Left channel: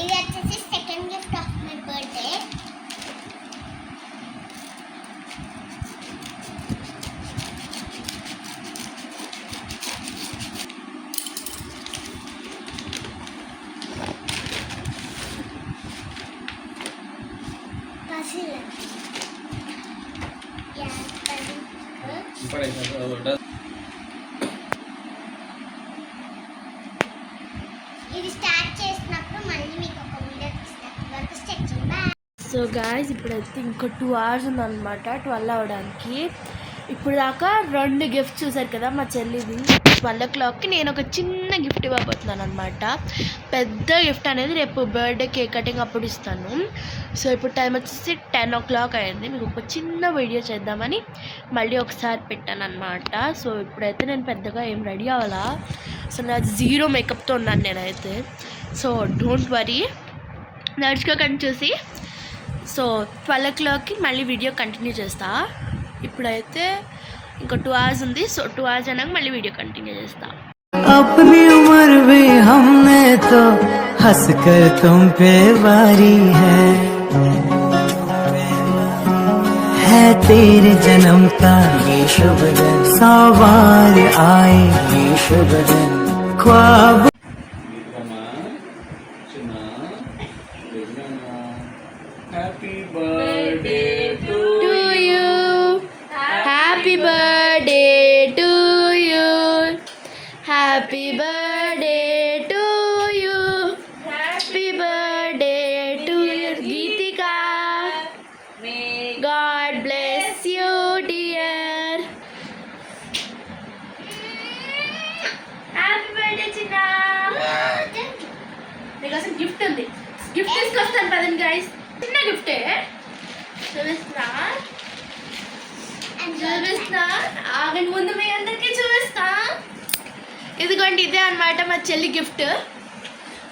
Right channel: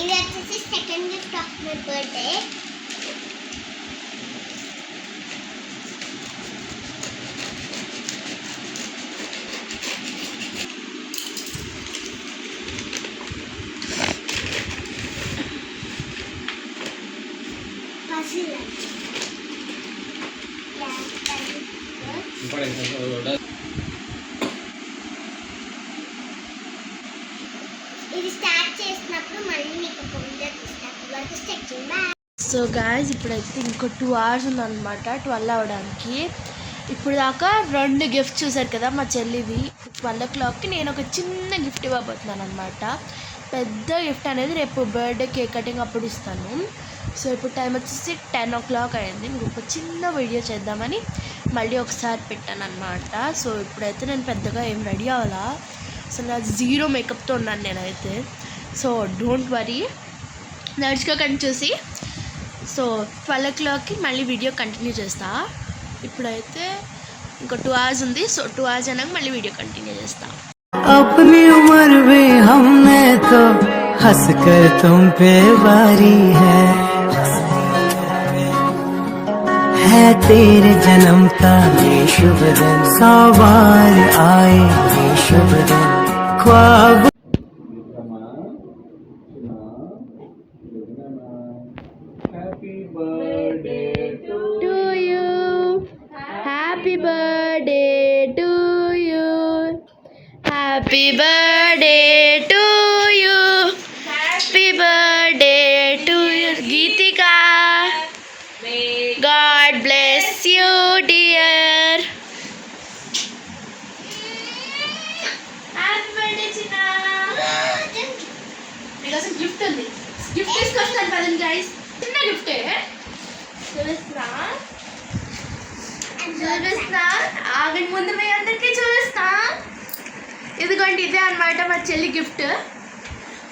ఇది వచ్చేసి second gift of my birthday. So guys ఇప్పుడైతే ఇంకో 2 hours ఉందన్నమాట 12 అవ్వడానికి. ఇప్పుడు దాకా 2 గిఫ్ట్స్ చూసారు కదా మా చెల్లిది. 12 o'clockకి నేను ఒక చిన్న గిఫ్ట్ ఇవ్వబోతున్నాను అనమాట. పెద్ద గిఫ్ట్ అనేది రేపు బర్త్డే కేక్ కటింగ్ అప్పుడు ఇస్తాను. సో ఇప్పుడు టైం వచ్చేసి 10 o'clock అయింది. మీకు ఒక చిన్న వీడియో చేద్దామని మళ్ళీ ఒకసారి పెట్టాను అనమాట. సో ఇప్పుడైతే నేను పెద్దగా ఏం రెడీ అవ్వాలా, సో నా 0 మేకప్తో ఉన్నాను నేనైతే. సో డోంట్ వరీ, నడుచుకోకండి చూసి. సో 12 o'clockకి మళ్ళీ వీడియో కంటిన్యూ చేస్తా. ఇప్పుడైతే ఇంకో 2 hours ఉంది. సో 2 hours అయినాక మళ్ళీ వీడియో కంటిన్యూ చేస్తా. अपनी उम्र भी हमने तो हंस कर तुम पे वारी है तेरे जन्म का शुभ दिन, 100 बार आए ख्वाब. Happy birthday to you. Happy birthday to you. Happy birthday to you. Happy birthday to you. Geetika. God bless you, dear. Happy birthday, China. మీకోసం గిఫ్ట్ ఉంది. గిఫ్ట్ తీసుకొస్తాను పదండి గైస్. చిన్న గిఫ్టే చూపిస్తున్నా. ఆగండి, ముందు మీ అందరికీ చూపిస్తా. ఇదిగోండి, ఇదే అనమాట మా చెల్లి గిఫ్ట్.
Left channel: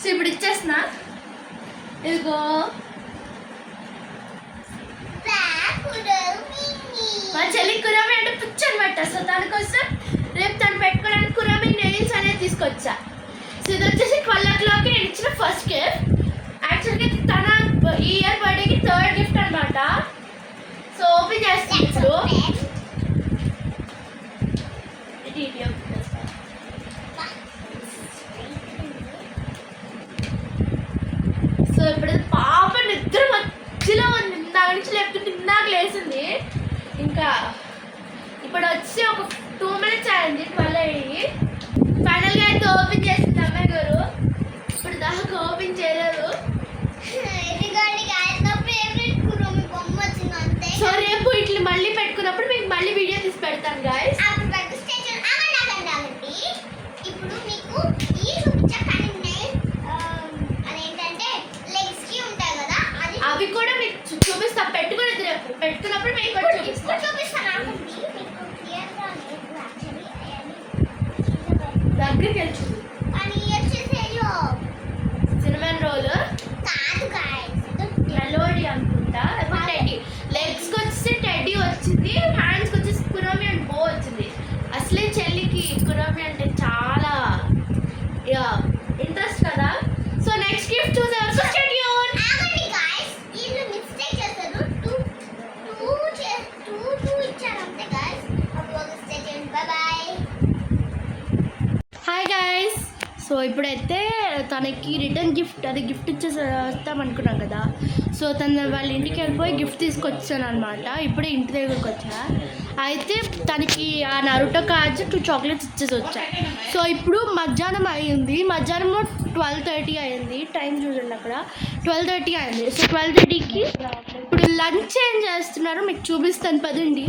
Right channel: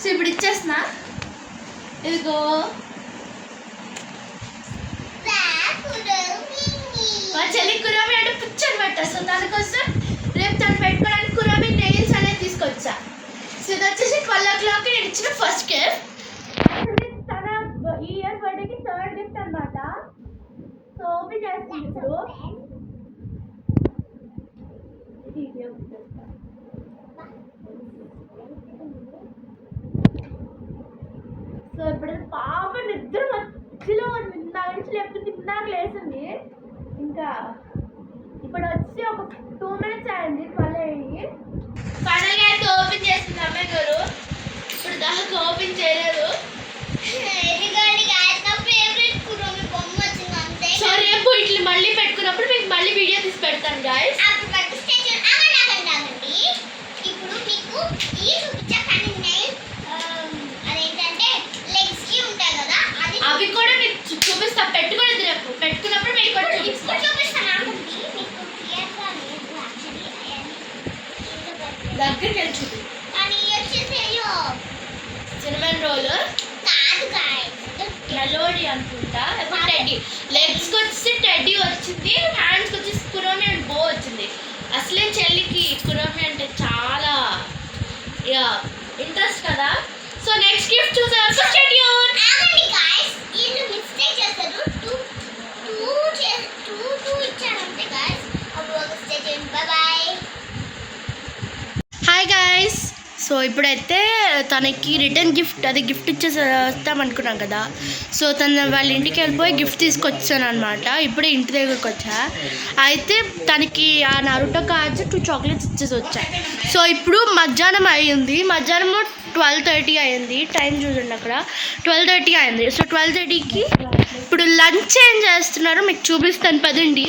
సో ఇప్పుడు ఇచ్చేస్తున్నా. ఇదిగో మా చెల్లి కురామి అంటే పిచ్చి అనమాట. సో దానికోసం రేపు తను పెట్టుకోవడానికి కురామి నెయిల్స్ అనేది తీసుకొచ్చా. సో ఇది వచ్చేసి 12 o'clockకి నేను ఇచ్చిన ఫస్ట్ గిఫ్ట్. యాక్చువల్గా తన ఈ ఇయర్ బర్త్డేకి 3rd గిఫ్ట్ అనమాట. సో ఓపెన్ చేస్తాను ఇప్పుడు. సో ఇప్పుడు పాప నిద్ర మధ్యలో ఉంది. ఇందాక నుంచి లేపుతుంటే ఇందాక లేసింది. ఇంకా ఇప్పుడు వచ్చి ఒక 2 minutes అయింది 12 అయ్యి. ఫైనల్గా అయితే ఓపెన్ చేసింది అమ్మాయి గారు. ఇప్పుడు దాకా ఓపెన్ చేయలేదు. సో రేపు ఇట్లా మళ్ళీ పెట్టుకున్నప్పుడు మీకు మళ్ళీ వీడియో తీసి పెడతాను గాయస్. ఇప్పుడు మీకు ఈ అదేంటంటే లెగ్స్ కి ఉంటాయి కదా, అవి కూడా మీకు చూపిస్తా. పెట్టుకునేది రేపు పెట్టుకున్నప్పుడు మీకు కూడా చూపిస్తాను. మీకు క్లియర్ గా లేదు యాక్చువల్లీ దగ్గరికి వెళ్తుంది. కానీ వచ్చేసి సినిమన్ రోల్ కాదు గాయస్, మెలోడీ అనుకుంటా. టెడ్డీ లెగ్స్కి వచ్చేసి టెడ్డీ వచ్చింది, హ్యాండ్స్కి వచ్చేసి కురోమి అండ్ బో వచ్చింది. అసలే చెల్లికి కురోమి అంటే చాలా ఇంట్రెస్ట్ కదా. సో నెక్స్ట్ గిఫ్ట్ చూసే వరకు స్టే ట్యూన్. ఆగండి గాయ్స్, వీళ్ళు మిస్టేక్ చేస్తారు. టూ ఇచ్చారంటే గాయ్స్. అప్పుడు ఒక stay tune. By by. Hi guys. So ఇప్పుడైతే తనకి రిటర్న్ గిఫ్ట్ అది గిఫ్ట్ ఇచ్చేస్తాం అనుకున్నాం కదా. సో తను వాళ్ళ ఇంటికి వెళ్ళిపోయి గిఫ్ట్ తీసుకొచ్చాను అనమాట. ఇప్పుడే ఇంటి దగ్గరకు వచ్చా. అయితే తనకి ఆ నరుటో కార్డ్స్ 2 chocolates ఇచ్చేసి వచ్చా. సో ఇప్పుడు మధ్యాహ్నం అయ్యింది. మధ్యాహ్నం 12:30 అయింది. టైం చూడండి అక్కడ 12:30 అయింది. సో 12:30కి ఇప్పుడు లంచ్ ఏం చేస్తున్నారు మీకు చూపిస్తాను పదండి.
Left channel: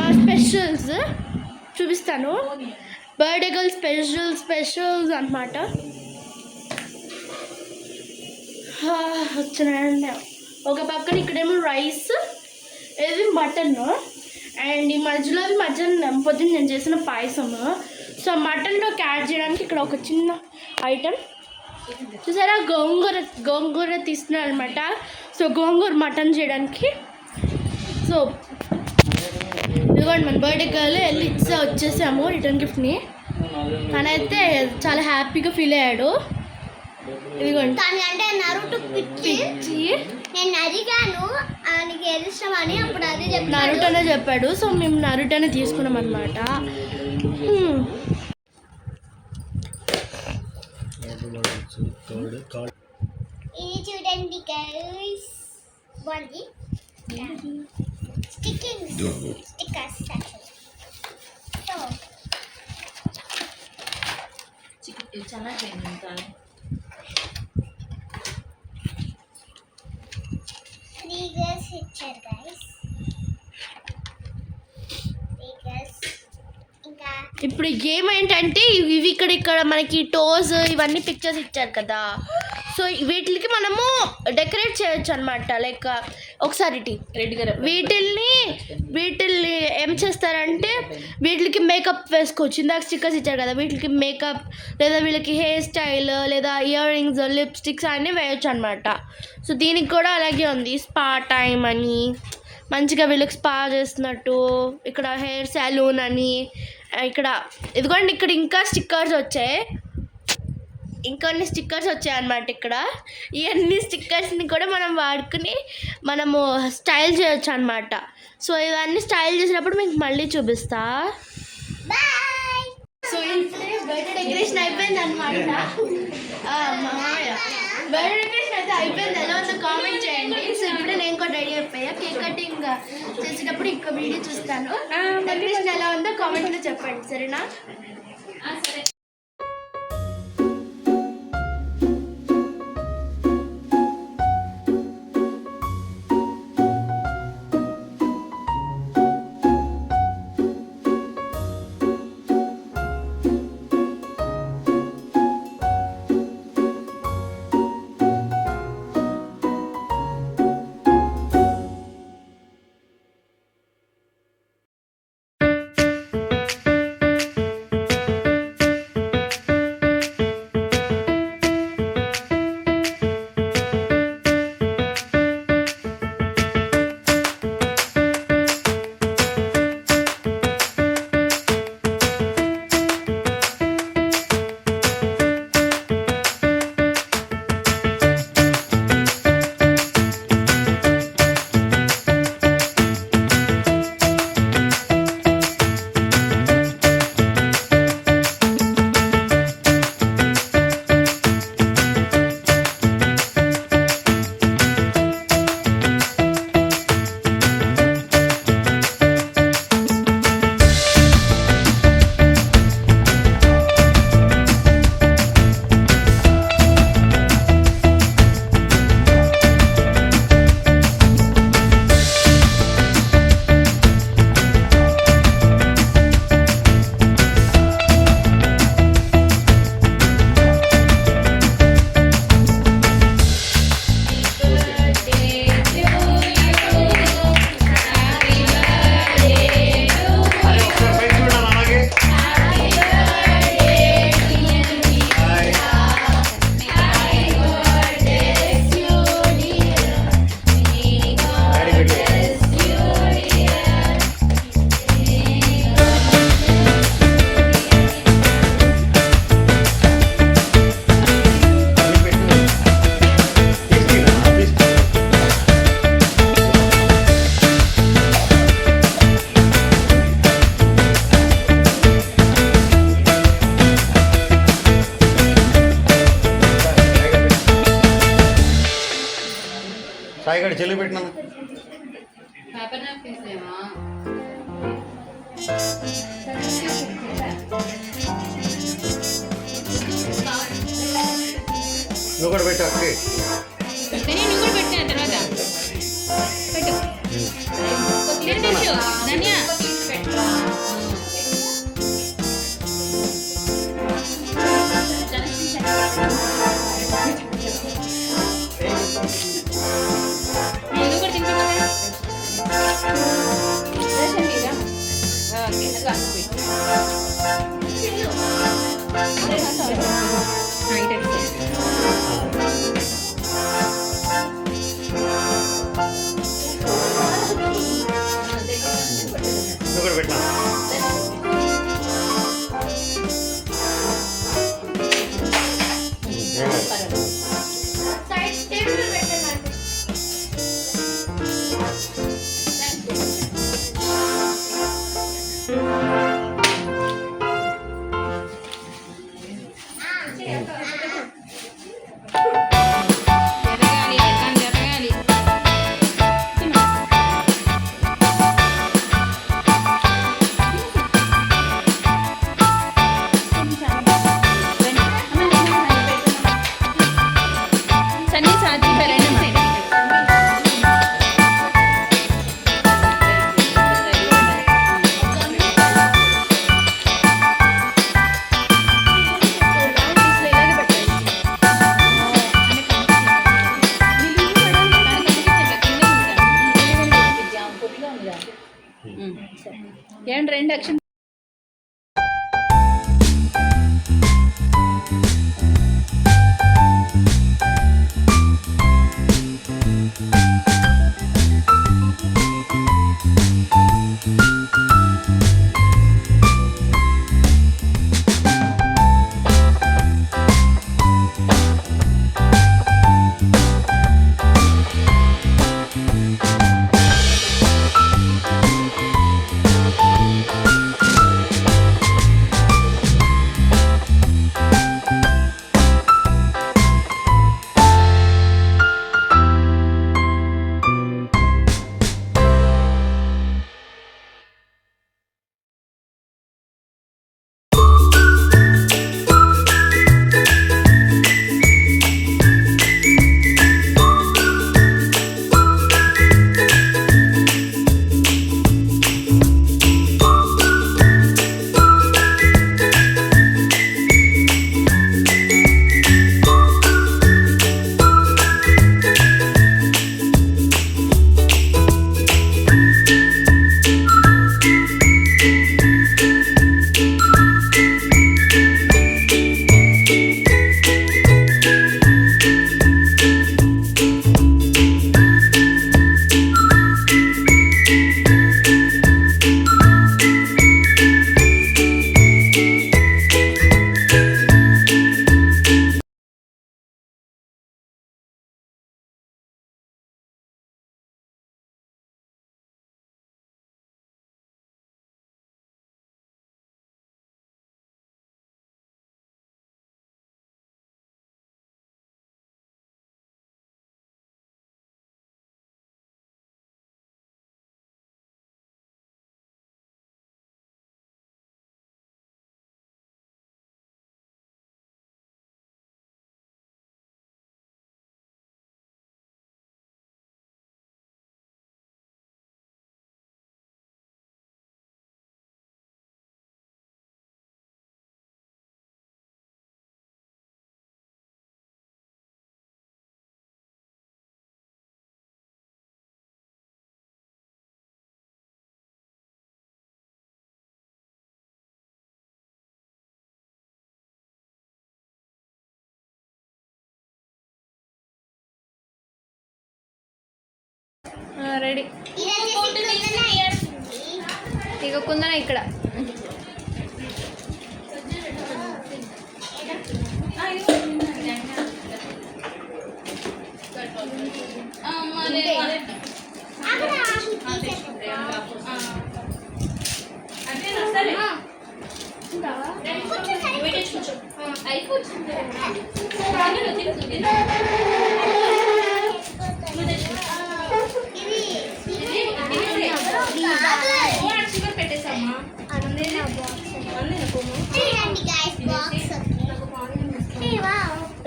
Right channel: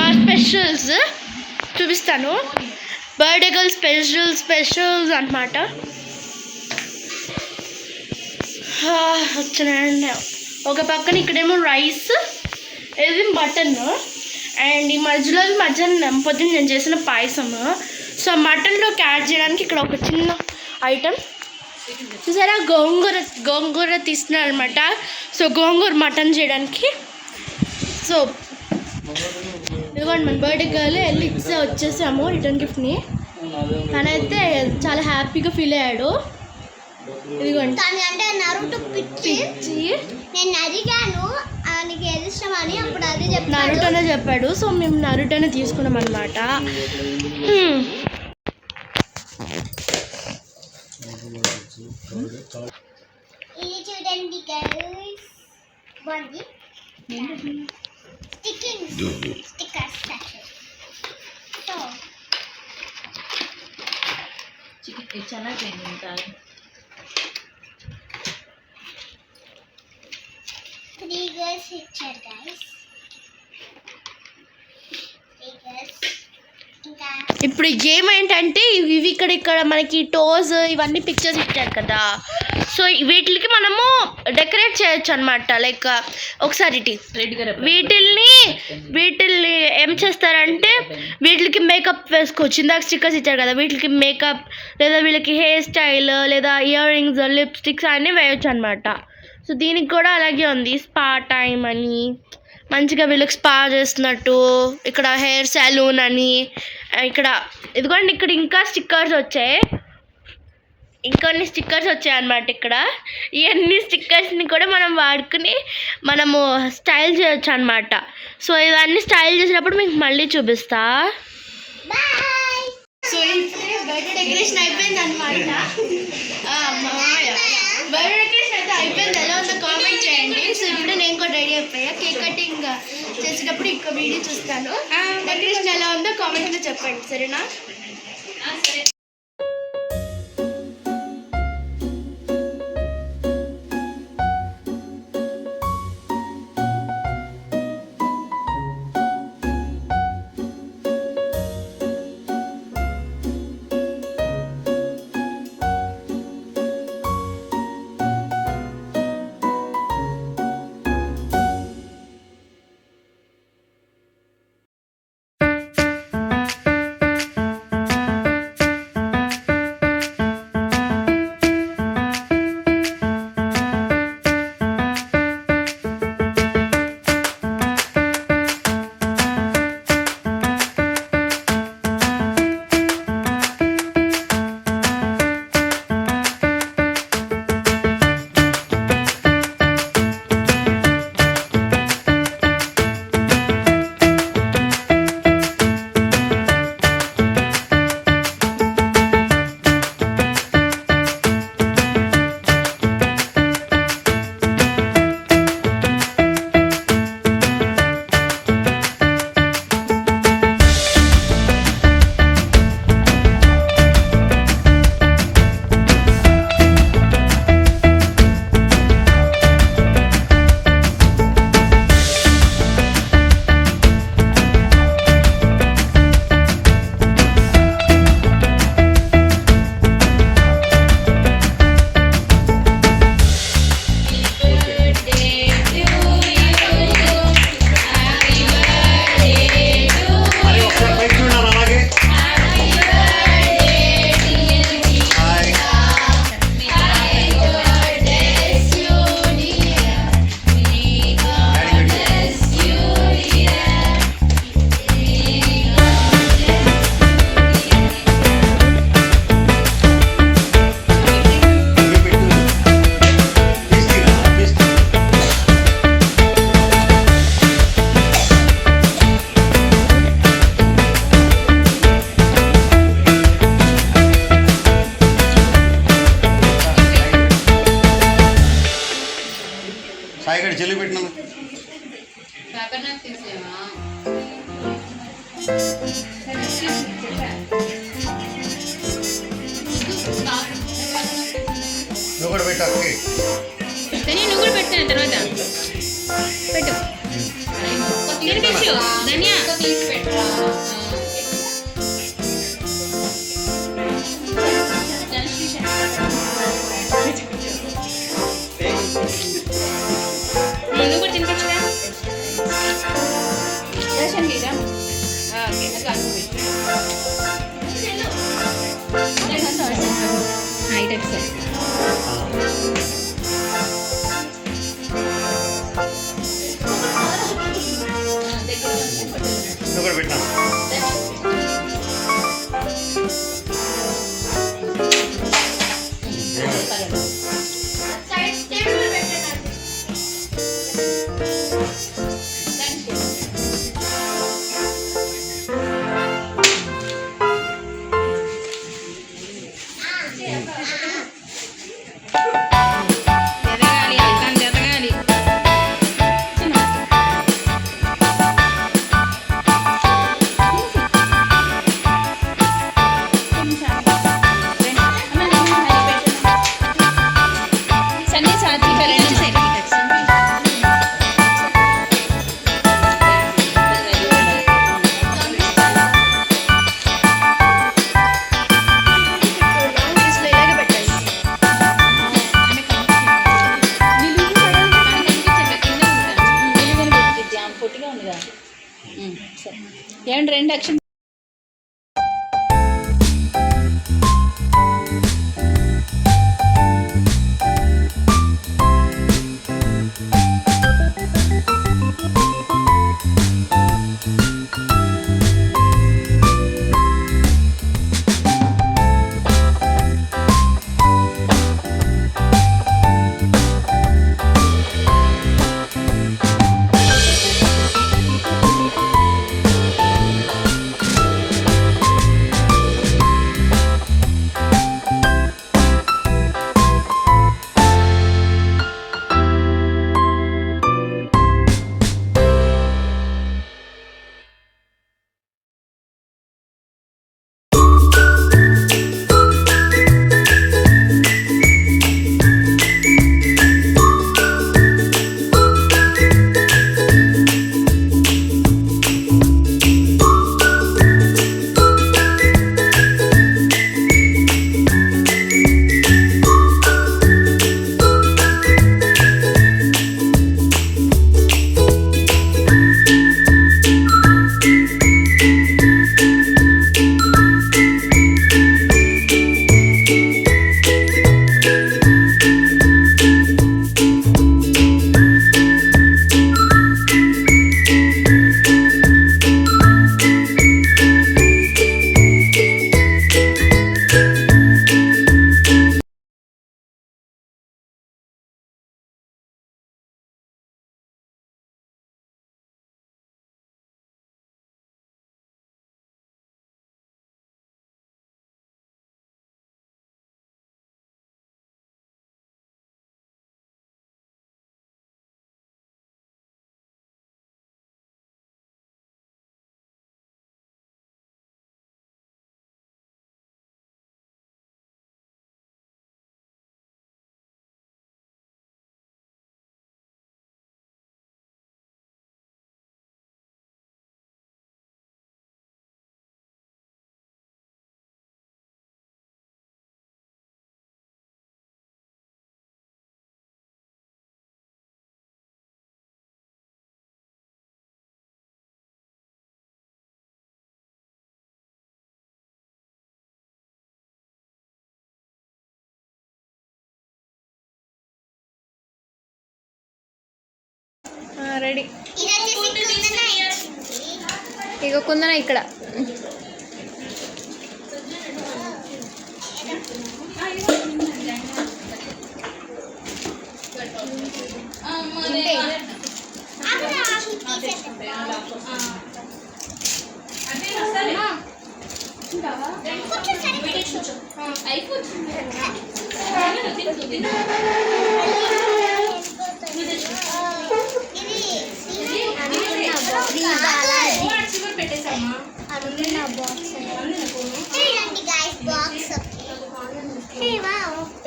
మా స్పెషల్స్ చూపిస్తాను. బర్త్డే గర్ల్ స్పెషల్స్ అనమాట. వచ్చినాయండి. ఒక పక్కన ఇక్కడేమో రైస్, ఇది మటన్, అండ్ ఈ మధ్యలో మధ్యాహ్నం పొద్దున్న నేను చేసిన పాయసము. సో మటన్లోకి యాడ్ చేయడానికి ఇక్కడ ఒక చిన్న ఐటమ్ చూసారా, గోంగూర తీస్తున్నాను అనమాట. సో గోంగూర మటన్ చేయడానికి. సో ఇదిగోండి మన బర్త్డే గర్ల్ వెళ్ళి వచ్చేసాము రిటర్న్ గిఫ్ట్ని. తనైతే చాలా హ్యాపీగా ఫీల్ అయ్యాడు. ఇదిగోండి తను అంటే నరుటో పిచ్చి. నేను అడిగాను ఆయనకి ఏది ఇష్టం అని, అప్పుడు అది చెప్పాను. నరుటోనే చెప్పాడు. సో మేము నరుటోనే తీసుకున్నాం అనమాట. ఇది చూడండి గైస్, బాగుంది. స్టిక్కర్స్ సో ಚೆನ್ನಾಗಿ 3 girls ఇచ్చారు గైస్. 3 girls. ఇంకా ఇప్పుడు గేమ్ ఏంటంటే ఇవి ఇక్కడ మనకి టోస్ ఇవన్నీ పిక్చర్స్ ఇచ్చారు కదా. సో వీటికి మనము డెకరేట్ చేయొచ్చు అనమాట. లైక్ ఒకసారి వీటిల్ని ఏం చేస్తారంటే వీటికి మేకప్ వేసుకోవచ్చు. ఇందాక స్టిక్కర్స్ ఇచ్చారు కదా, వీటికి మేకప్ లేదా వీళ్ళకి హెయిర్ స్టైల్ లేదా ఇయర్ రింగ్స్ లిప్స్టిక్స్ అన్నీ వేయొచ్చు అనమాట. సో దీనికి కూడా అలాగే ఉంది, స్పా టైం అని. మంచిగా వీళ్ళకి స్పా చేస్తున్నట్టు. ఇక్కడ హెయిర్ సెలూన్ అని. ఇక్కడ ఇదిగోండి, ఇక్కడ ఇంకా స్టిక్కర్స్ వచ్చాయి. ఇంకొన్ని స్టిక్కర్స్ వచ్చాయన్నమాట. ఇక్కడ ఇవన్నీ స్టిక్కర్స్ని కూడా మనం వాడుకుని మనము స్టైల్ చేయొచ్చు అనమాట. సో ఇవన్నీ స్టైల్ చేసినప్పుడు మీకు మళ్ళీ చూపిస్తా. బాయ్. సో ఇప్పుడే బర్త్డే డెకరేషన్ అయిపోయింది అనమాట. బర్త్డే డెకరేషన్ అయితే అయిపోయింది. ఎలా ఉందో కామెంట్ చేయండి. సో ఇప్పుడే నేను కూడా రెడీ అయిపోయా. కేక్ కటింగ్ చేసేటప్పుడు ఇంకో వీడియో చూస్తాను. డెకరేషన్ ఎలా ఉందో కామెంట్లో చెప్పండి, సరేనా? సాయిగడ చెల్లి పెట్టినా నువ్వు కూడా పెట్టా నువ్వు కూడా పెట్టాను తర్వాత పెట్టు ధన్యా నువ్వు కూడా తినిపించా ఓకే ఎదగాలి అట్లాంటి ఎదగాలి. సన్నీ సాధ్యం ఏమండి 2 అక్షం రెడీ. ఇక కుందన ఇక్కడ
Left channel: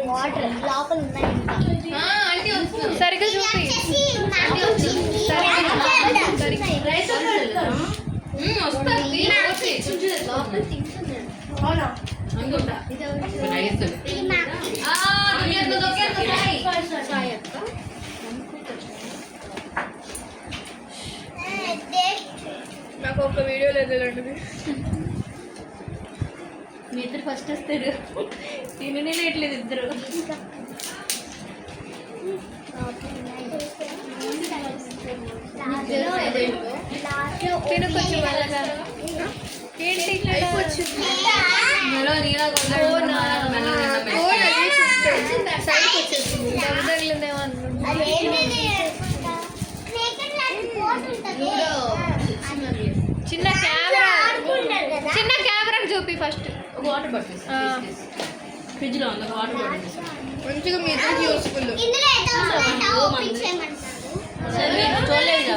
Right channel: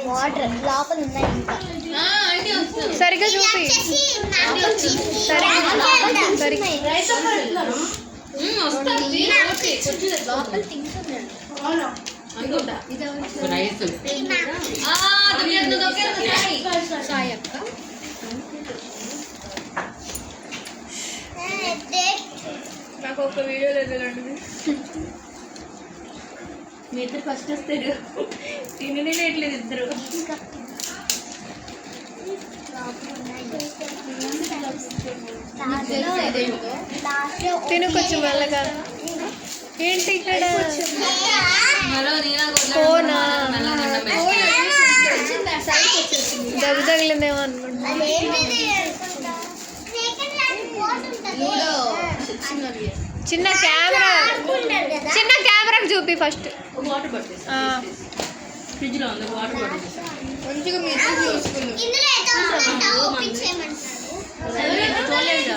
వాటర్ లోపల ఉన్నాయి ఇంకా సరిగ్గా చూపి. నాకు ఒక వీడియో లేదు. మీ ఇద్దరు ఫస్ట్ వస్తారు. తిననే లేట్లేదు ఇద్దరు. తిను కొంచెం మెల్లగా. ఏంటి ఇక్కడ తగిలిందేమో అనుకుంటా. చిన్న కెమెరా, చిన్న కెమెరాకి చూపి ఫస్ట్. ఫ్రిడ్జ్ లో ఉంది వాటర్ బాటిల్ మంచిగా మీ ఇద్దరికి యూస్ఫుల్. ఇందులో ఏదో ఉందంట ఓపెన్ చేయమంటారు చూడలేదు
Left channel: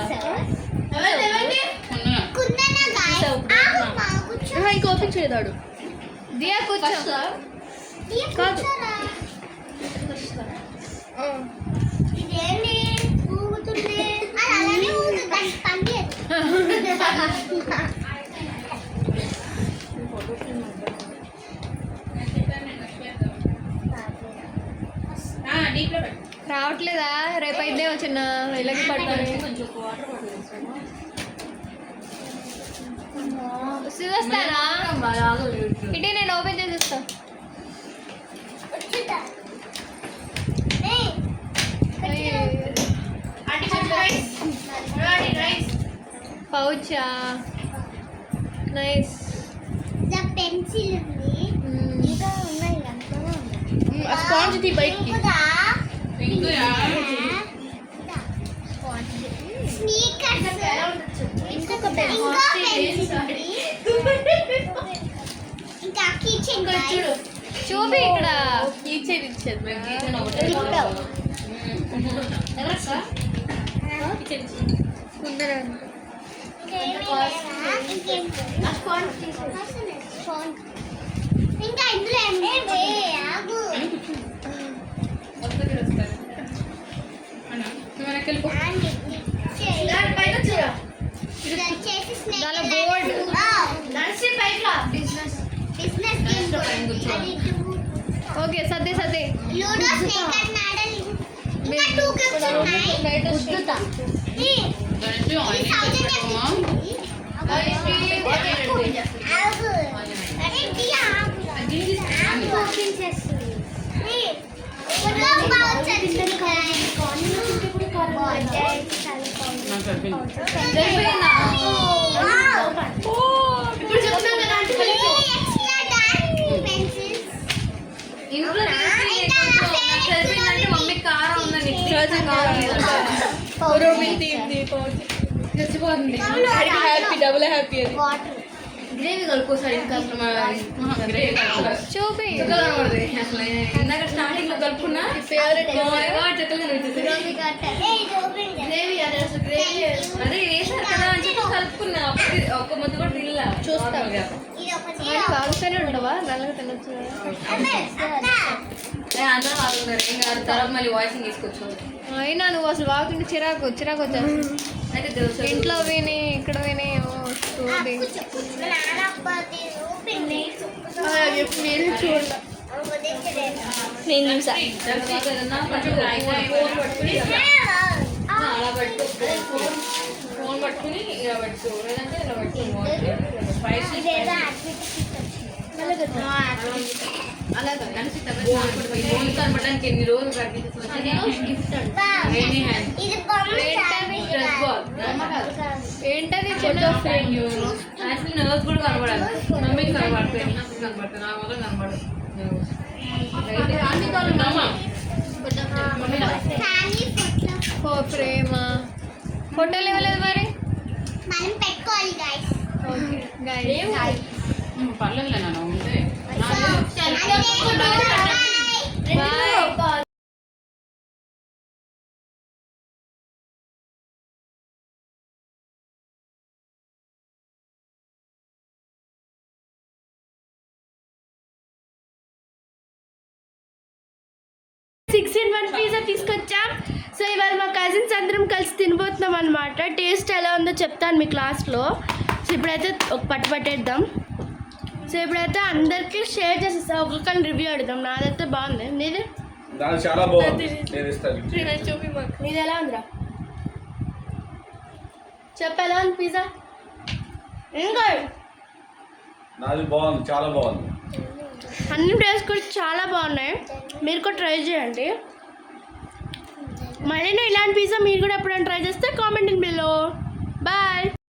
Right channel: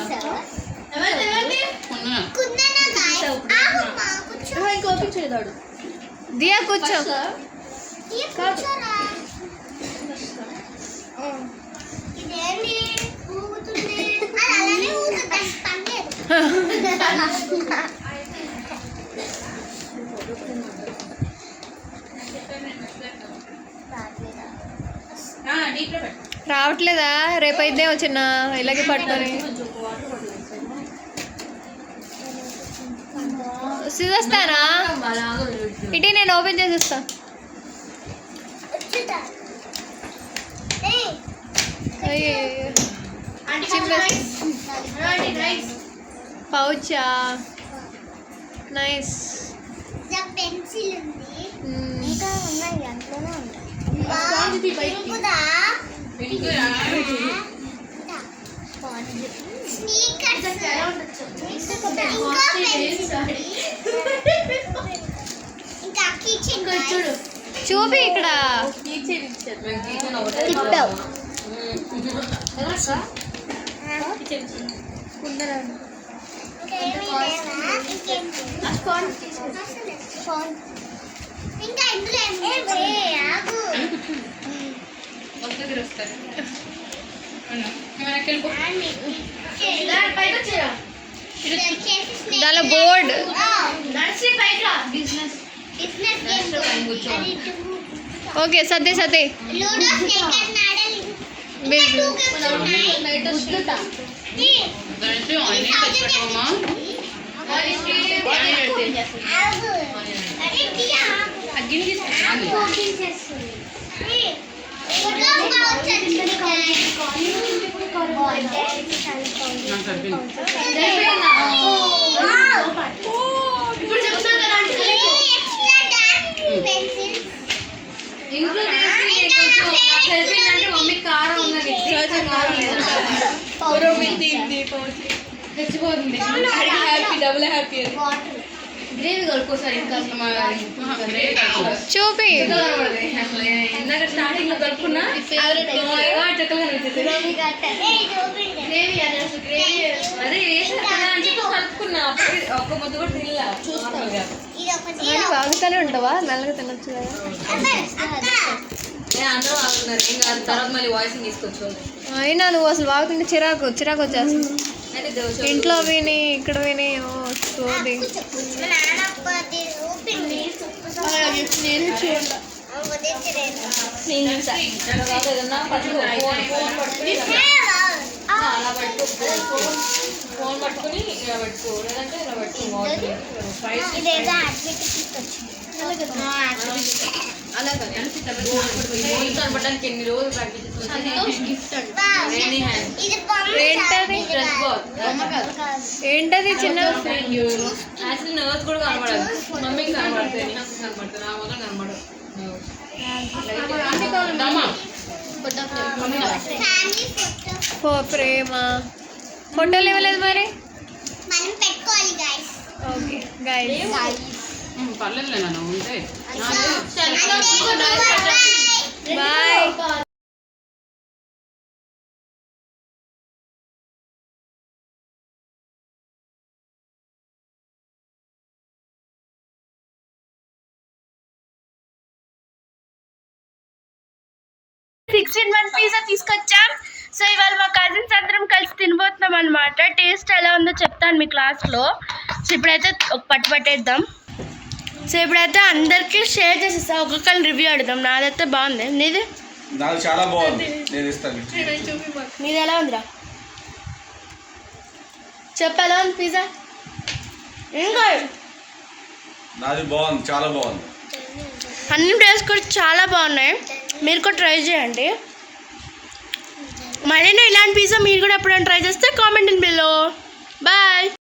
కుందన గాయ్ ఆగు మా కూర్చో ఇంకా ఓపెన్ చేయదాడు. దియా కూర్చో. ఈ కూర్చోరా ఇదేంటి ఊగుతుంది అది అలానే ఊగుతుంది దానికి పని లేదు రావట్లేదా? రేపైతే వచ్చిన ఇలాగే పట్టుకొని చూస్తారా ఇటీ నేను ఓపెన్ చేసేస్తా. వచ్చుతా పౌచా నైస్. పెన్సిల్ ఉంది ఇంకా ఉన్నాయి అంతనే స్పాంజ్ బయటికి స్నీకర్స్ ఇంకా కిచెన్ చూడు చూపి ఇక్కడ ఇంకా ఇందులో ఆగు దాని బోర్డ్ బిజినెస్ ఓకే సదే సదే లూడో స్నేక్ అండ్ నాడల్ ఇంకా 2 గిఫ్ట్స్ ఉన్నాయి గుద్దుతా ఆగు అరే దియా ఆగు ఓపెన్ చేస్తుంది ఇప్పుడు చెప్తున్నా కదా ఇంట్లో సరిపోయిందంటే మమ్మీ కారం ఉందని తెచ్చిపోతుంది హ్యాపీ డబుల్ హ్యాపీ అది గ్రేవీ కలుపుకోసారి ఇంకా అసలు గ్రేవీ చూపి కనబడుతుంది అసలు ఇందాక స్టార్టింగ్ లో కలుపుకున్నా చెక్కలు కనిపించేది అదే వేసారు కదా అని చెప్పి కలుపుకున్నా అప్పటికి ఒక్క ముద్దు కూడా తినలా చూస్తాను కాగుతానే ఉంటావా నల్లగా తినొచ్చు. అందరూ ఆగుతున్నారు ఏం కాదు తర్వాత మళ్ళీ వాయిసింగ్ తీసుకొచ్చు అయినా నువ్వు అసలు వాగుతుంటే చిరాకు వచ్చేస్తుంది. అయితే దోశ ఇంట్లో విని ఇక్కడ విని చూడండి ఏదన్నా అలా పట్టు ఫోన్ పట్టుకుని ఇలా పెట్టుకో లేదంటే ఇలా కనపడడానికి ఎన్ని రోజులు ఏంటది చిన్న యాక్చువల్లీ నర్స్ కూడా కనపడదు మమ్మీకి కనపడుతుంది కనపడుతుంది నా వల్ల కనపడదు ప్రేమ ఫోటోలు ఇవ్వలేదు మరి మనం పెట్టుకోవాలి గైస్ ఓకే గైస్ పర్లేదు నాన్న ఉంటే బాయ్. 16 పిజ్జా తీసుకొచ్చాం. సో ఇవాళ మా కజిన్స్ అందరం కలిసి తినబోతున్నాం అనమాట. టేస్ట్ ఎలా ఉందో చెప్తాను మీ క్లాస్లో. సో ఇప్పుడైతే ఒక పట్టేద్దాం. సో ఇప్పుడైతే అందరికీ షేర్ చేసేస్తాం, ఒక్కొక్కరిని రివ్యూ అడుగుదాం. నాదైతే బాగుంది, నీది? నాకు చాలా బాగుంది, నేను ఇస్తాను. నీది ఎలా ఉందిరా చెప్పు, ఎలా ఉంది పిజ్జా? ఇంకా నాది బాగుంది, చాలా బాగుంది. అన్ని టేస్ట్ కూడా చాలా బాగున్నాయి, మీరు కూడా ట్రై చేయండి. మళ్ళీ ఇలాంటి పిజ్జా మీరు కూడా ఎప్పుడైనా ట్రై చేస్తే కామెంట్ ఇన్ బిలో. బాయ్.